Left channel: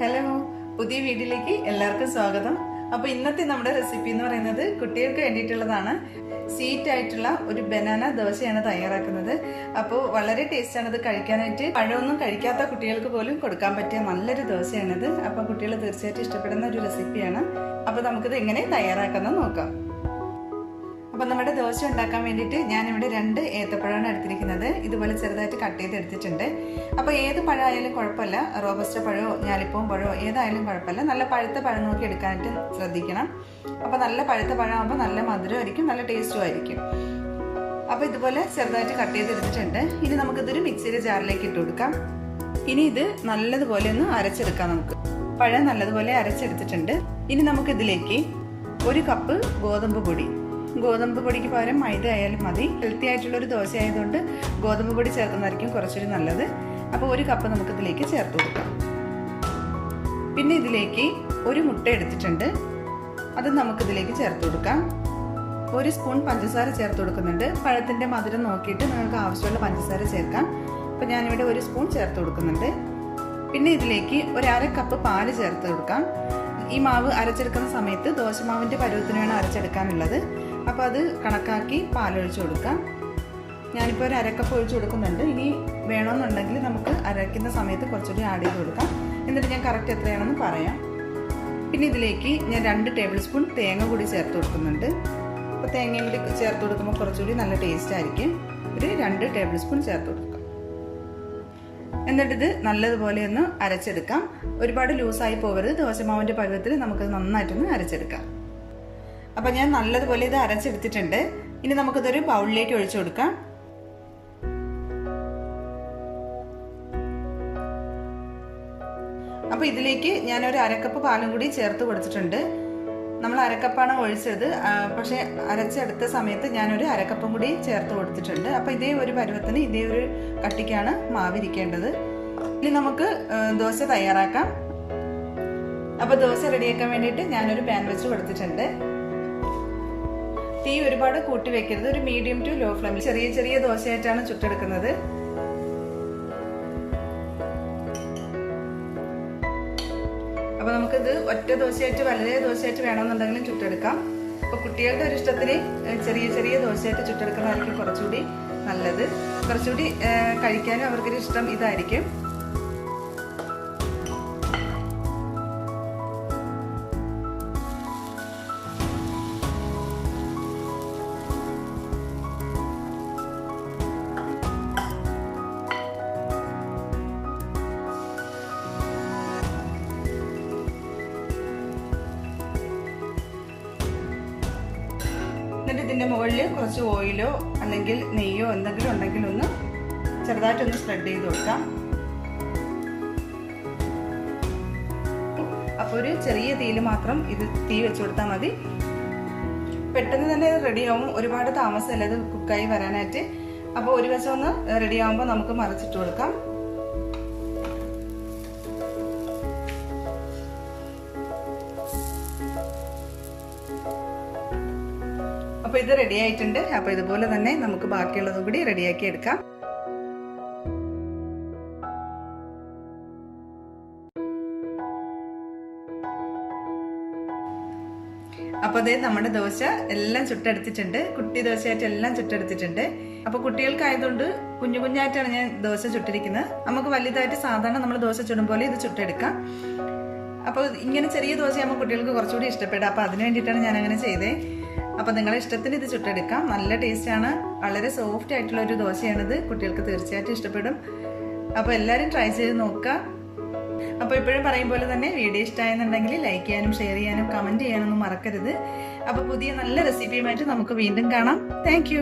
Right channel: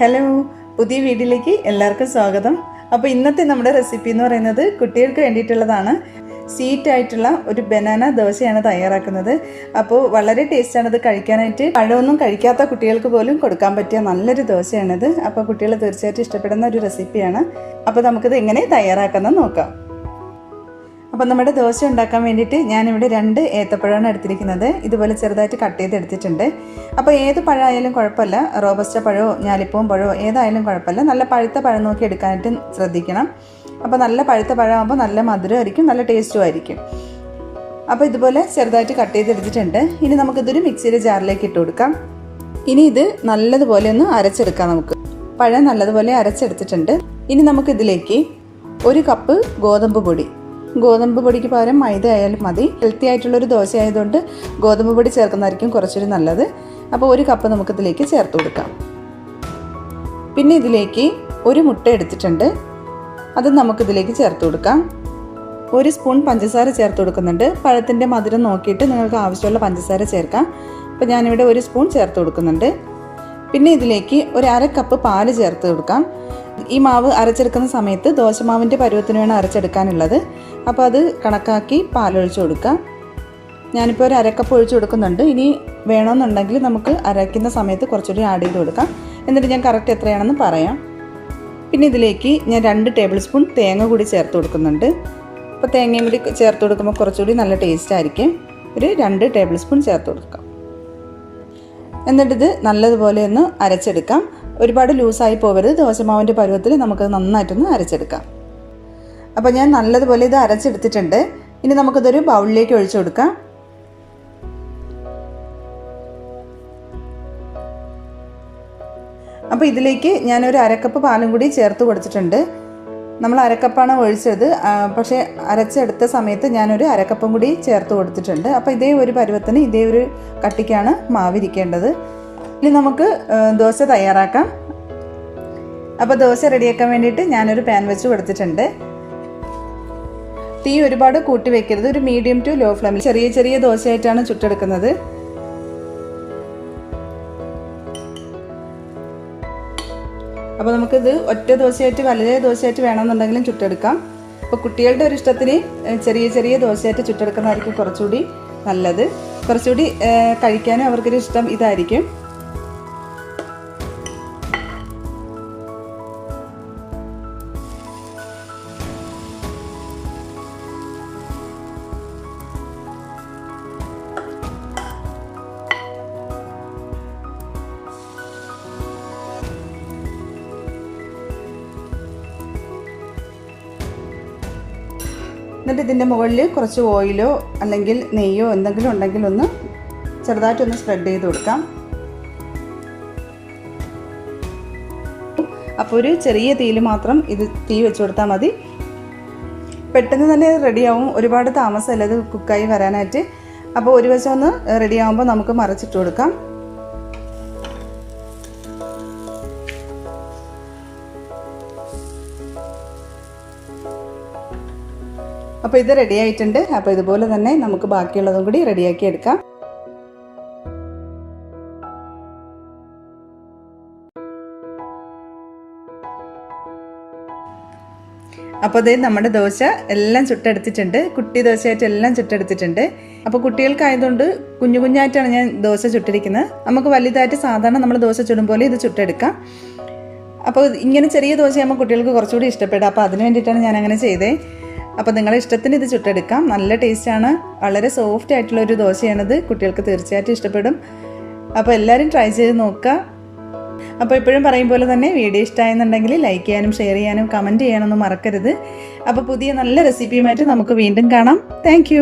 Hello, പുതിയ വീഡിയോയിലേക്ക് എല്ലാവർക്കും സ്വാഗതം. അപ്പോൾ ഇന്നത്തെ നമ്മുടെ റെസിപ്പി എന്ന് പറയുന്നത് കുട്ടികൾക്ക് വേണ്ടിയിട്ടുള്ളതാണ്. സ്വീറ്റ് ആയിട്ടുള്ള ഒരു ബനാന ദോശയാണ് തയ്യാറാക്കുന്നത്. അപ്പോൾ വളരെ ടേസ്റ്റാണ് ഇത് കഴിക്കാനായിട്ട്. പഴമൊന്നും കഴിക്കാത്ത കുട്ടികൾക്ക് പോലും കൊടുക്കാൻ പറ്റിയ നല്ലൊരു ദോശയാണിത്. അപ്പോൾ കുട്ടികൾ തീർച്ചയായിട്ടും ഇഷ്ടപ്പെടുന്ന ഒരു റെസിപ്പിയാണ്. അപ്പോൾ നമുക്കിത് എങ്ങനെ തയ്യാറാക്കുന്നത് നോക്കാം. അപ്പോൾ നമ്മുടെ ദോശ ഉണ്ടാക്കാൻ വേണ്ടിയിട്ട് ഞാനിവിടെ 2 ഏത്തപ്പഴമാണ് എടുത്തിരിക്കുന്നത്. ഇതുപോലെ ചെറുതായിട്ട് കട്ട് ചെയ്ത് എടുത്തിട്ടുണ്ട്. അപ്പോൾ ഏത് പഴമായാലും കുഴപ്പമില്ല, റോബസ്റ്റ പഴമോ ഞാലിപ്പൂവും പഴമോ ഏതായാലും കുഴപ്പമില്ല. നല്ല പഴുത്ത പഴം നോക്കി എടുക്കാനായിട്ട് ശ്രദ്ധിക്കണം. അപ്പോൾ നല്ല പഴുത്ത പഴമാകുമ്പോൾ നല്ല മധുരമായിരിക്കും, നല്ല ടേസ്റ്റും ആയിരിക്കും. അപ്പോൾ ഇതുപോലെ ചെറുതായിട്ട് കട്ട് ചെയ്ത് എടുത്തിട്ടുണ്ട്. ഇനി നമുക്കിതൊരു മിക്സിയുടെ ജാറിലേക്ക് ഇട്ട് കൊടുക്കാം. ഇനി ഇത് നല്ലതുപോലെ ഒന്ന് അരച്ചെടുക്കാം. നമുക്ക് പഴം നല്ലതുപോലെ അരച്ചെടുത്തിട്ടുണ്ട്. ഇനി നമുക്കിതിലേക്ക് 1 കപ്പ് ഗോതമ്പ് പൊടിക്ക് പകരം മൈദ ആയാലും മതി. ഹെൽത്തി ആയിട്ടുള്ളൊരു ദോശ ആയതുകൊണ്ട് ഗോതമ്പ് പൊടി ചേർക്കുന്നതായിരിക്കും കുറച്ചുകൂടി നല്ലത്. അപ്പോൾ 1 കപ്പ് നമുക്കിതിലേക്ക് ചേർത്ത് കൊടുക്കാം. പിന്നെ ഇതിലേക്ക് 1 മുട്ട എടുത്തിട്ടുണ്ട്, അത് നമുക്കിതിലേക്ക് ചേർത്ത് കൊടുക്കാം. 1 സ്പൂൺ പഞ്ചസാര ചേർത്ത് കൊടുക്കുന്നുണ്ട്. പഴത്തിൻ്റെ മധുരം നോക്കിയിട്ട് നിങ്ങൾക്ക് ആവശ്യമുള്ള പഞ്ചസാര ചേർക്കാം. അപ്പോൾ ഞാനിവിടെ 1 സ്പൂൺ ചേർത്ത് കൊടുക്കുന്നുണ്ട്. പിന്നെ ഇതിലേക്ക് 1/2 കപ്പ് പാല് ചേർത്ത് കൊടുക്കാം. ഈ മാവ് അരച്ചെടുക്കുന്ന സമയത്ത് ദോശമാവിൻ്റെ പരുവത്തിന് വേണം അരച്ചെടുക്കാനുള്ളത്. അപ്പോൾ അത് കണക്കാക്കി പാലൊഴിച്ച് കൊടുക്കാം. ഞാനിപ്പോൾ 1/2 കപ്പ് ഒഴിച്ച് കൊടുക്കുന്നുണ്ട്. ഇനി വേണമെന്നുണ്ടെങ്കിൽ നമുക്ക് അരയ്ക്കുന്ന സമയത്ത് കുറച്ചുകൂടി ആഡ് ചെയ്ത് കൊടുക്കാം. എന്നിട്ട് ഞാൻ കറക്റ്റ് എത്രയാണെന്ന് പറയാം. പിന്നെ ഇതിലേക്ക് ഞാൻ 2 ടേബിൾ സ്പൂൺ തേങ്ങ കൂടി ചേർത്ത് കൊടുക്കുന്നുണ്ട്. അപ്പോൾ തേങ്ങയും കൂടി ചേർത്ത് കൊടുക്കുമ്പോൾ കുറച്ചുകൂടി നല്ല ടേസ്റ്റ് ആയിരിക്കും. ഒരു 2 ടേബിൾ സ്പൂൺ ചേർത്ത് കൊടുക്കാം. എന്നിട്ടിത് നല്ലതുപോലെ ഒന്ന് അരച്ചെടുക്കാം. ഒരുപാട് ലൂസായി പോകരുത്. ദോശമാവിൻ്റെ പരുവത്തിൽ നമുക്കത് നന്നായിട്ടൊന്ന് അരച്ചെടുക്കാം. അപ്പോൾ ഞാൻ നല്ലതുപോലെ ഇത് അരച്ചെടുത്തിട്ടുണ്ട്. ഇനി നമുക്കിതൊരു ബൗളിലേക്ക് ഒഴിച്ചു കൊടുക്കാം. അപ്പോൾ ഇതിലേക്ക് ഞാനൊരു 1/2 കപ്പ് പാലും കൂടി ചേർത്ത് കൊടുത്തിട്ടുണ്ട്. നമ്മൾ 1/2 കപ്പാണ് ഒഴിച്ചത്, പക്ഷേ അരച്ചെടുത്ത സമയത്ത് ഞാനൊരു 1/2 കപ്പും കൂടി ചേർത്ത് കൊടുത്തിട്ടുണ്ട്. അപ്പോൾ ഇതേ ഒരു പരുവത്തിന് ഇതേ ഒരു കട്ടിക്കാണ് മാവിരിക്കേണ്ടത്. ഇനി നമുക്ക് ദോശ തയ്യാറാക്കാം. അപ്പോൾ ദോശ റെഡിയാക്കാൻ വേണ്ടിയിട്ട് ഞാനൊരു പാൻ വെച്ച് കൊടുത്തിട്ടുണ്ട്. തീ ഒരുപാട് കൂട്ടി വെക്കരുത്, ഒരു മീഡിയം ടു ലോ ഫ്ലെയിമിൽ ചെറിയ ചെറിയ ദോശയായിട്ടാണ് ചുട്ടെടുക്കുന്നത്. അപ്പോൾ നമുക്കിത് ഒറ്റ ദോശയായിട്ട് വലിയ ദോശയായിട്ട് വേണമെന്നുണ്ടെങ്കിലും ചുട്ടെടുക്കാം. അപ്പോൾ കുട്ടികളുടെ ഒരു ഇഷ്ടത്തിന് ചെറിയ ചെറിയ ദോശയായിട്ട് ചുട്ടെടുക്കുന്നതായിരിക്കും കുറച്ചുകൂടി നല്ലത്. കുറച്ചുകൂടി കഴിക്കാനും അവർക്കൊരു ഇഷ്ടം ഇതായിരിക്കും. എന്നിട്ട് ഇതിൻ്റെ മുകളിൽ കുറച്ച് ഓയിലോ അല്ലെങ്കിൽ നെയ്യോ എന്തെങ്കിലും ഉണ്ടെങ്കിൽ ഒന്ന് ചെറുതായിട്ടൊന്ന് സ്പ്രെഡ് ചെയ്ത് കൊടുക്കാം. അപ്പോൾ ഒരു ചെറിയ തീയിൽ മാത്രം ഇത് തീ വെച്ച് കൊടുത്താൽ മതി. പെട്ടെന്ന് തന്നെ റെഡിയാവും, ഒരുപാട് താമസമല്ല ഇത് കുക്കായി വരാനായിട്ട്. അപ്പോൾ ഒരു വശം ഒന്ന് റെഡിയാകുമ്പോൾ നമുക്ക് മറിച്ചിട്ട് കൊടുക്കാം. അപ്പോൾ ഇത് റെഡി ആയിട്ടുണ്ട്. അപ്പോൾ ഇതുപോലെ തന്നെ നമുക്ക് ബാക്കിയുള്ളതും കൂടി റെഡിയാക്കി എടുക്കാം. അപ്പോൾ ഇത് നമ്മുടെ ദോശ എല്ലാം ചുട്ടെടുത്തിട്ടുണ്ട്. കുട്ടി ദോശയായിട്ട് എല്ലാം ചുട്ടെടുത്തിട്ടുണ്ട്. അപ്പോൾ കുട്ടികൾക്കായതുകൊണ്ട് കുഞ്ഞു കുഞ്ഞായിട്ടാണ് ഞാൻ ദോശ ചുട്ടിരിക്കുന്നത്. നമുക്ക് വലുതായിട്ട് സാധാരണ നമ്മൾ ദോശ ചുടും പോലെ ഇത് ചുട്ടെടുക്കാം. അപ്പോൾ ഇങ്ങനെ ചെറിയ ദോശയാകുമ്പോൾ കുട്ടികൾക്ക് കുറച്ചുകൂടി ഇഷ്ടപ്പെടും. അപ്പോൾ അതിന് വേണ്ടിയിട്ടാണ് ഞാൻ അങ്ങനെ ചെയ്തത്. അപ്പോൾ നിങ്ങളുടെ ഇഷ്ടത്തിന് ഇത് ചുട്ടെടുക്കാം. നല്ല ടേസ്റ്റാണ്, വളരെ സോഫ്റ്റ് ആയിട്ടുള്ളൊരു ദോശയാണിത്. കുട്ടികൾക്ക് തീർച്ചയായിട്ടും ഇഷ്ടപ്പെടും. അപ്പോൾ എല്ലാവരും ട്രൈ ചെയ്ത് നോക്കുക. അപ്പോൾ എപ്പോഴും പറയും പോലെ തന്നെ വീഡിയോ ഇഷ്ടമായെന്നുണ്ടെങ്കിൽ ലൈക്ക് ചെയ്യാനും ഷെയർ ചെയ്യാനും കമൻറ്റ് ചെയ്യാനൊന്നും മറക്കരുത്. അപ്പോൾ പുതിയ നല്ല റെസിപ്പിയുമായിട്ട് നമുക്ക് വീണ്ടും കാണാം. താങ്ക്